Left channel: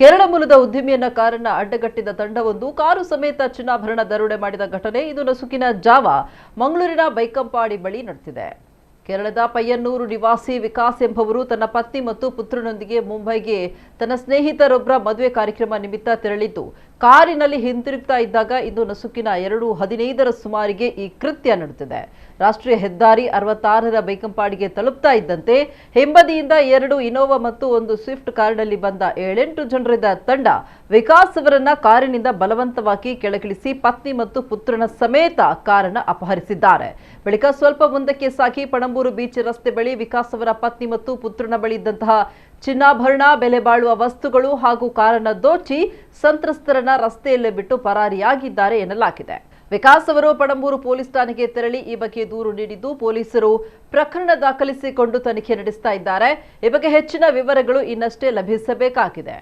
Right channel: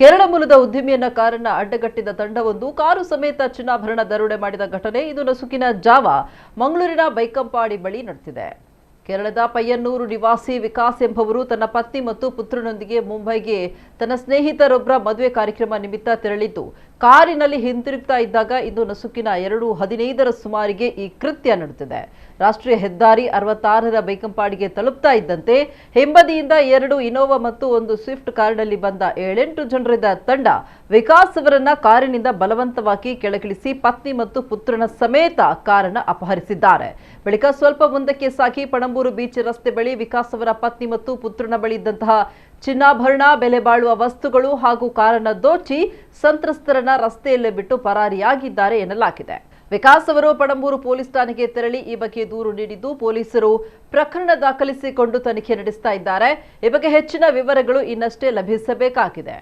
ಕೇರಳ ಮೂಲದ ಉದ್ಯಮಿಯನ್ನ ಕಾರನ್ನ ಅಡ್ಡಗಟ್ಟಿದ ತಂಡವೊಂದು ಕಾರು ಸಮೇತ ಚಿನ್ನಾಭರಣ ದರೋಡೆ ಮಾಡಿದ ಘಟನೆ ಇದು ನಸುಕಿನ ಜಾವ ಮಂಗಳೂರಿನ ಬೈಕಂಪಾಡಿ ಬಳಿ ನಡೆದಿದೆ. ಕೇರಳದ ಪಯ್ಯನ್ನೂರು ನಿವಾಸಿ ವಿಕಾಸ್ ಎಂಬುವರು ತನ್ನ ಪತ್ನಿ ಮತ್ತು ಪುತ್ರನೊಂದಿಗೆ ಮುಂಬೈಗೆ ತನ್ನ ಸ್ನೇಹಿತರೊಬ್ಬರ ಮದುವೆ ಕಾರ್ಯಕ್ರಮ ನಿಮಿತ್ತ ತೆರಳಿದ್ದು ಕಾರಿನಲ್ಲಿ ಹಿಂತಿರುಗ್ತಾ ಇದ್ದಾಗ ಇಂದು ನಸುಕಿನ 2:15ರ ಸುಮಾರಿಗೆ ಈ ಕೃತ್ಯ ನಡೆದಿದೆ. ರಾಷ್ಟ್ರೀಯ ಹೆದ್ದಾರಿ 66ರ ಬೈಕಂಪಾಡಿಗೆ ತಲುಪ್ತಾ ಇದ್ದಂತೆ ಹಿಂಬದಿಯಿಂದ 2 ಇನೋವಾ ಮತ್ತು 1 ಸ್ವಿಫ್ಟ್ ಕಾರಿನಲ್ಲಿ ಬಂದ 7-8 ಜನರಿದ್ದ ತಂಡ ವಿಕಾಸ್ ಅವರನ್ನ ಕಾರಿನಿಂದ ಬಲವಂತವಾಗಿ ಕೆಳಗಿಳಿಸಿ ಪತ್ನಿ ಮತ್ತು ಪುತ್ರನ ಸಮೇತ ಕಾರನ್ನು ಅಪಹರಿಸಿದ್ದಾರೆ. ಬಳಿಕ ಸ್ವಲ್ಪ ಮುಂದಕ್ಕೆ ಸಾಗಿ ಪಣಂಬೂರು ಬೀಚ್ ರಸ್ತೆ ಬಳಿ ವಿಕಾಸ್ ಅವರ ಪತ್ನಿ ಮತ್ತು ಪುತ್ರನ ಬಳಿ ಇದ್ದಂತಹ ಚಿನ್ನಾಭರಣ, ಬೆಲೆ ಬಾಳುವ ವಸ್ತುಗಳು ಹಾಗೂ ಕಾರನ್ನು ದೋಚಿ ಸಂತ್ರಸ್ತರನ್ನ ರಸ್ತೆಯಲ್ಲೇ ಬಿಟ್ಟು ಪರಾರಿಯಾಗಿದ್ದಾರೆ ಎನ್ನಲಾಗಿದೆ. ವಿಕಾಸ್ ಅವರು ಪಣಂಬೂರು ಪೊಲೀಸ್ ಠಾಣೆಗೆ ತೆರಳಿ ಈ ಬಗ್ಗೆ ದೂರು ನೀಡಿದ್ದು ಪೊಲೀಸರು ಪ್ರಕರಣ ದಾಖಲಿಸಿಕೊಂಡು ತನಿಖೆ ನಡೆಸ್ತಾ ಇದ್ದಾರೆ. ಈ ಬಗ್ಗೆ ಹೆಚ್ಚಿನ ವಿವರಗಳು ಇನ್ನಷ್ಟೇ ಲಭಿಸಬೇಕಾಗಿದೆ.